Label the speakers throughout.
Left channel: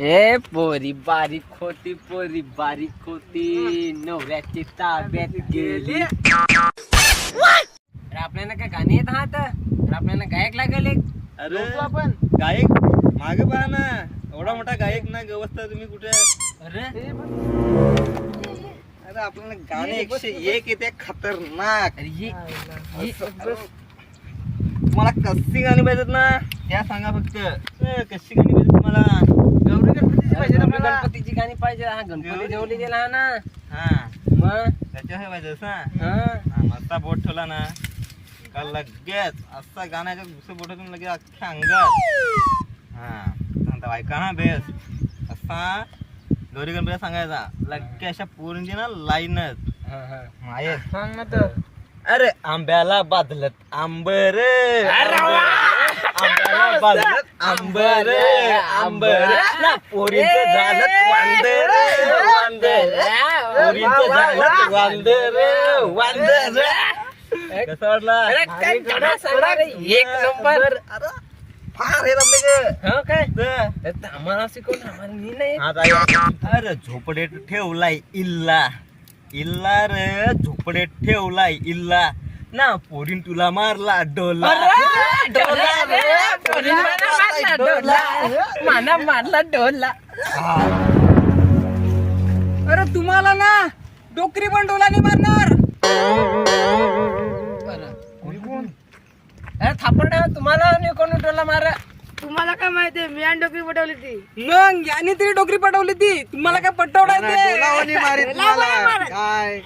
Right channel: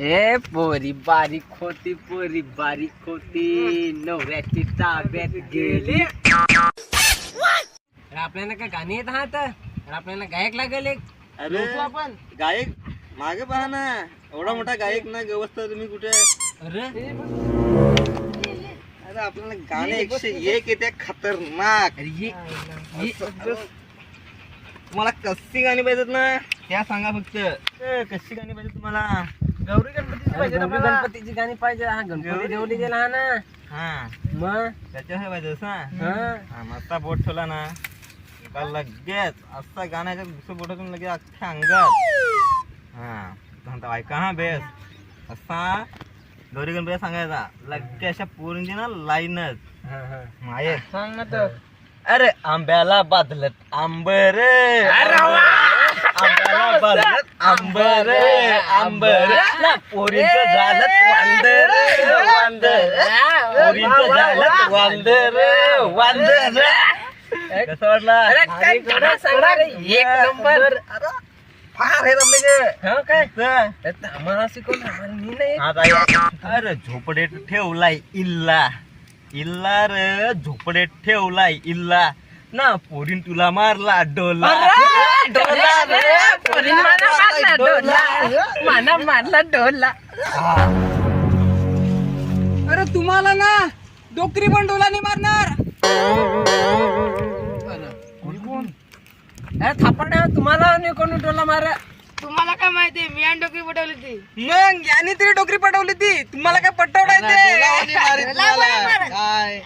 Speaker 1: ए पोरी बारीक होती पोरी बारीक होती नवऱ्याची ताब्यात गेली. अरे आपल्याला काय गाणी येत आहात? अरे आपल्याला गायक लागेल एक.
Speaker 2: अरे
Speaker 1: आपण.
Speaker 2: गायक मागे पहा ना. एवढा मोठा गायक ना गवस्था तुम्ही कुठे?
Speaker 1: अरे.
Speaker 2: अरे आपल्याला गाणे एकशे एक येते खतरनाक.
Speaker 1: अरे ये ये
Speaker 2: तुम्हाला कशी गाणी पाहिजेत ना? त्या सांगा फक्त. कशी गाणी पाहिजे तुम्हाला?
Speaker 1: गौरी गणपतीची पाहिजे गौरी गणपतीची गाणी पाहिजे. हा गणपती देवली गेला ना.
Speaker 2: हा.
Speaker 1: मग?
Speaker 2: त्याच्यावर पाहिजे असं
Speaker 1: हा.
Speaker 2: हा, मस्ता बोट ठेवला ना. का लगेच असा गाण्याच्या दुसऱ्या बोटातून लगेच अख्ख्या अंगात. हा. म्हणता ऐका हा बेस. असा गौरी गणपती सांगायचा. लगेच अशा पोरींची ना लाईनच.
Speaker 1: हा, हा.
Speaker 2: माये.
Speaker 1: सांग ना तर.
Speaker 2: अरे आंब्याला बादलत आंबर आंब्याला बादलत आंबर आंबर पोरींचं झालं वांदर वांदर पोरींचं झालं वांदर वांदर कसं वाटला?
Speaker 1: एक नंबर.
Speaker 2: फार हे रमले
Speaker 1: काय आम्हाला शिकवलं आम्हाला मी नाही.
Speaker 2: अरे झोपडे ठेवलाय इल्ला. इल्ला रे झोपडे ठेवलाय इल्ला. ना पोरीन तुला मारला डोला. डोला रे, पोरीन
Speaker 1: माना मारला डोला. माना मारला डोला.
Speaker 3: अरे तुम्हाला ना डोकरी पण डोलाने मारणार.
Speaker 1: अरे थापड तुम्हाला आणि कोण डोला मारा.
Speaker 4: तुम्हाला काय माहितीये मी आणि डोकरी पटवली ती.
Speaker 3: मग याने तरी डोकरी पटवली ती. तुम्हाला काय पटवडाय
Speaker 2: डोलावानी मारीत
Speaker 4: डोला
Speaker 2: मला.
Speaker 4: नाही मारत.
Speaker 2: काय?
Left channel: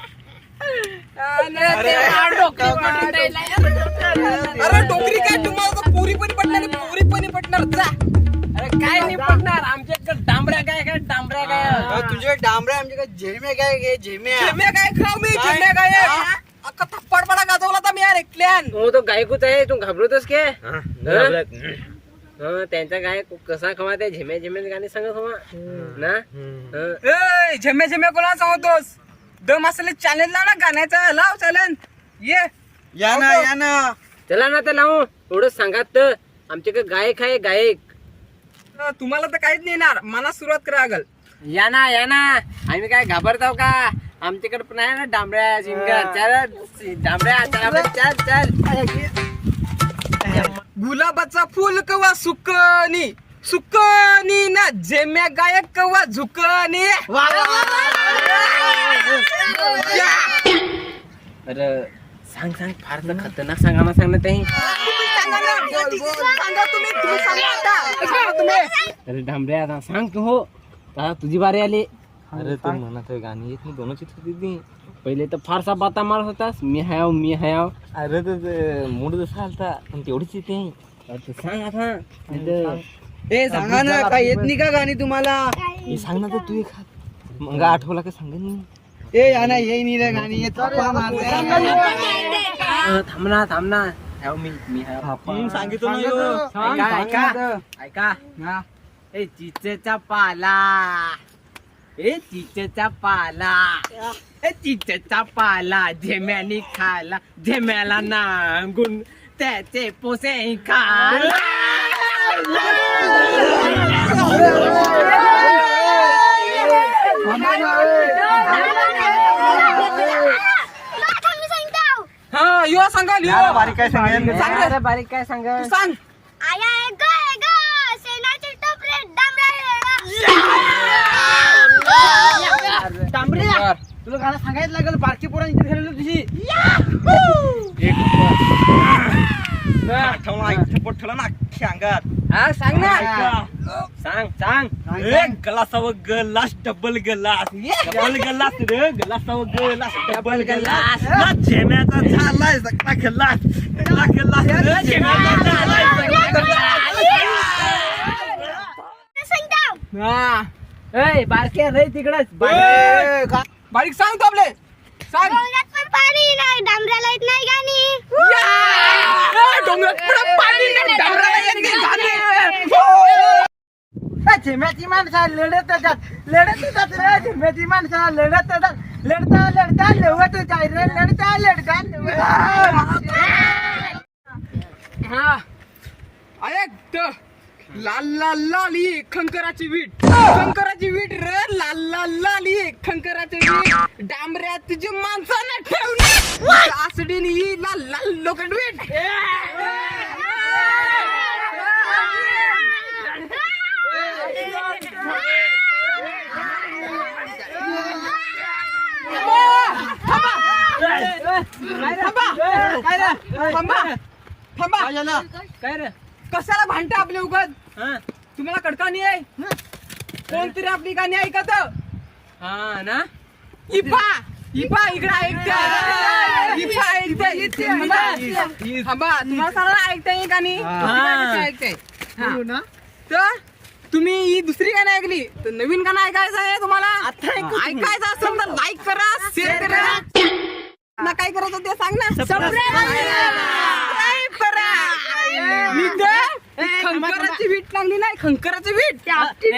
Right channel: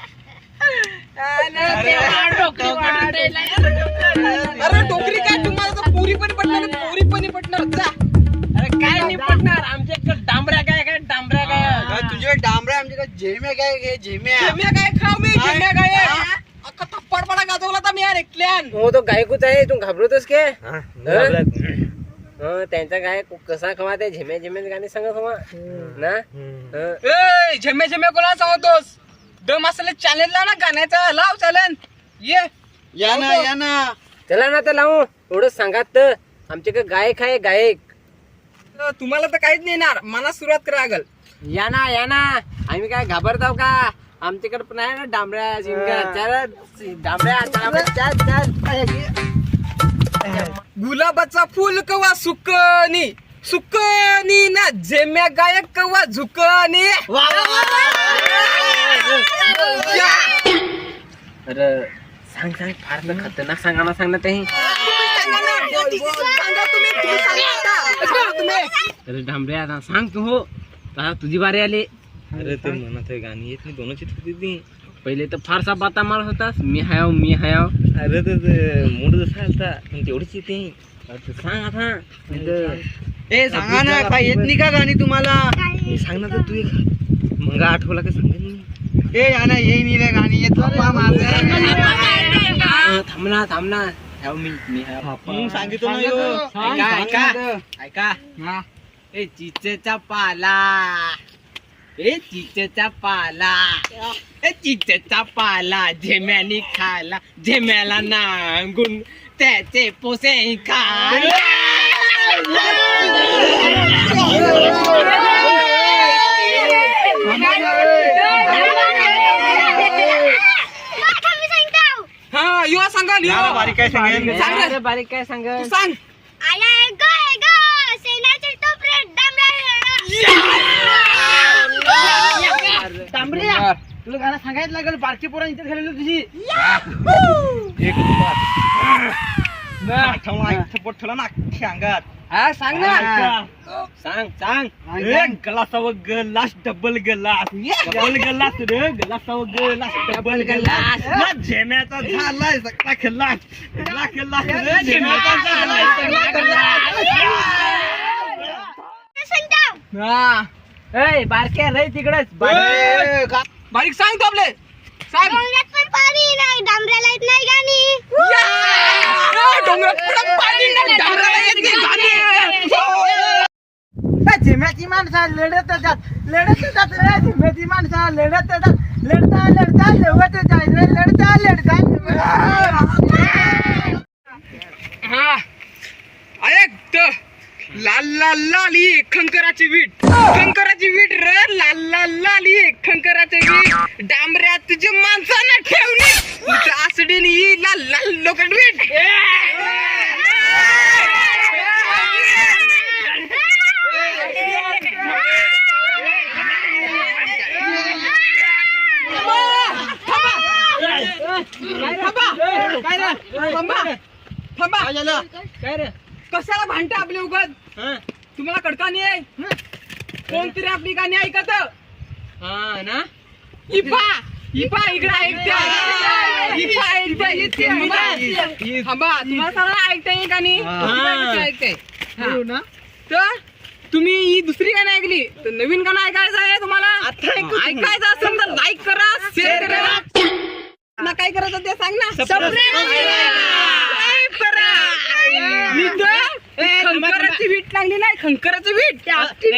Speaker 3: अरे डोकरी काय तुम्हाला पुरी पण पटणार पुरी पण पटणार. जा.
Speaker 1: अरे काय नाही पडणार आमच्या इकडं डांबऱ्या काय काय डांबऱ्या काय
Speaker 2: तुझ्याकडे डांबऱ्या आमच्याकडे झेम्या काय झेम्या.
Speaker 3: जेम्या काय खाऊ मी जेम्या काय अख्खा थप्पड पडा गाजवला तर मी यार एकल्यान
Speaker 1: हो तो गायकूच आहे तू घाबरतोस के? हो त्यांचा गाय कसा खवा ते झेम्या झेम्या गाणे सांगा खवा. ना? हं.
Speaker 3: झेम्या झेम्या कोणाला सांगतोस दम असले चॅलेंज लाव ना गाण्याचा लाव चॅलेंज ये.
Speaker 2: या ना या ना.
Speaker 1: चला ना तर लावू. एवढं सांगात तर. आमच्याकडे गायक आहे गायक.
Speaker 3: अ, तुम्हाला तर काहीच नाही येणार. मला सुरुवात करा लागल
Speaker 1: या ना या ना. आम्ही काय घाबरताव का? आमच्याकडे पण आहे ना डांबऱ्या शिंगा चल डांबऱ्या चल चल चल.
Speaker 3: गुलाबाचा फुल कवा सुकनी सुकनी ना. जेम्या गायक कवा झुकनी.
Speaker 1: अरे सांग सांग फार तर खतरनाक सांगा ना सांग ना ते. अरे डांबऱ्या आता सांग तू हो. आता तुझी बारी आली.
Speaker 2: अरे ते म्हणत आहे गाणी येत नाही दोनच येत होती ती.
Speaker 1: पहिले तर फारसा बाता मारत होतास. मी हायाव मी हायाव.
Speaker 2: अरे ते मूड जसा आलता पण तेवढीच येते.
Speaker 1: अरे तू सांग आता.
Speaker 2: ए सांगा ना काय येत नाही का गाणी तुम्हाला? सांग ना तर तू एक मग आठवला का सांगा नाही ए या ना येई नाही रे गाणी येत
Speaker 1: अं, थांब ना थांब ना. हाव मी मी
Speaker 2: सांगितलं ना ह्यो.
Speaker 1: ऐका ऐका ऐका. ए चिचेचा पाला. ए चिचेचा पाला. ए चिचेचा पाला झेम्यानी खाला झेम्याला नांगून त्याचे पोसे खाला.
Speaker 3: सांगाल
Speaker 2: या ना, बारीक काय सांगेन
Speaker 3: सांग. रे.
Speaker 1: अरे बारीक काय सांग
Speaker 3: तू सांग.
Speaker 1: तुला गाणं सांगायचं लागेल बारकी पोरा इथे झालेली तुझी
Speaker 2: आठवला इथे पोट ठेवला ना अख्ख्या अंगात.
Speaker 1: हा सांग ना. सांग सांग
Speaker 2: ए, गलासावं glass. Double glass. Double glass रे गलासावं गलास डबल गलास. ना झेम्याचा झालाय सगळा गलास सगळा गलास रे झेम्याचा झालाय सगळा
Speaker 3: हा.
Speaker 1: ए बारके रे तिकडेच.
Speaker 3: बारीक. सांग तो आपले. सांग.
Speaker 4: डांबऱ्याला येत नाही गाणी.
Speaker 3: डोंगरात पुढं पाणी नाही, डोंगराला येत नाही, गाणी.
Speaker 5: झिम्याची माणसं लढत जात लढत जात रे झिम्याची माणसं लढत जात. लढता लढता लढत जाय रे लढता लढता.
Speaker 3: हा. ऐक लाल लाल लाली खंकराची वीट. खंकराची वीट र लाल लाल लाली खंकराची वीट. डांबऱ्या तुझ्या माणसानं ठेवली आसडीन ही लाल लाल लोखंड वीट. थांबा. थांबा.
Speaker 5: काय रे?
Speaker 3: कशाला भांडते आपले उगत? तुम्हाला कडका नाही आहे कोणतरी आपली गाणी ऐकत?
Speaker 1: हा ना?
Speaker 3: इफा. इफा इकडे ऐकते. इफा ऐकते. थांबा. तुम्हाला सगळं ऐकता येईल गाणी? ऐकते?
Speaker 5: ना.
Speaker 3: तर तुम्ही ही दुसरी गाणं ऐकली. तर नवीन गाणं ऐकायचं आहे तुम्हाला? ऐकायचं असेल तर लाईक करा शेअर करा. ना काय करायचं ते सांग ना. खंकराची वीट लागली नाही खंकराची वीट.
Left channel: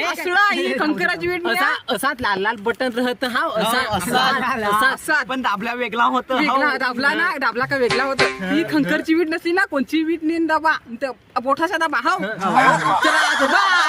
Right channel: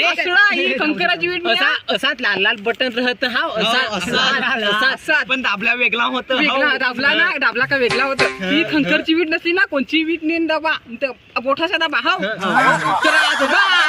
Speaker 3: असला ही खंकराची वीट मी
Speaker 1: असा लाल लाल बटन राहत हा असा असा असा
Speaker 2: पण दाबला वेगळा होत
Speaker 3: वेगळा दाबला ना दाबला का वेगळा होता. ही खंकरची वीट नसली ना कोणची वीट नेन दाबा? बोठाचा दाबा हो. बाय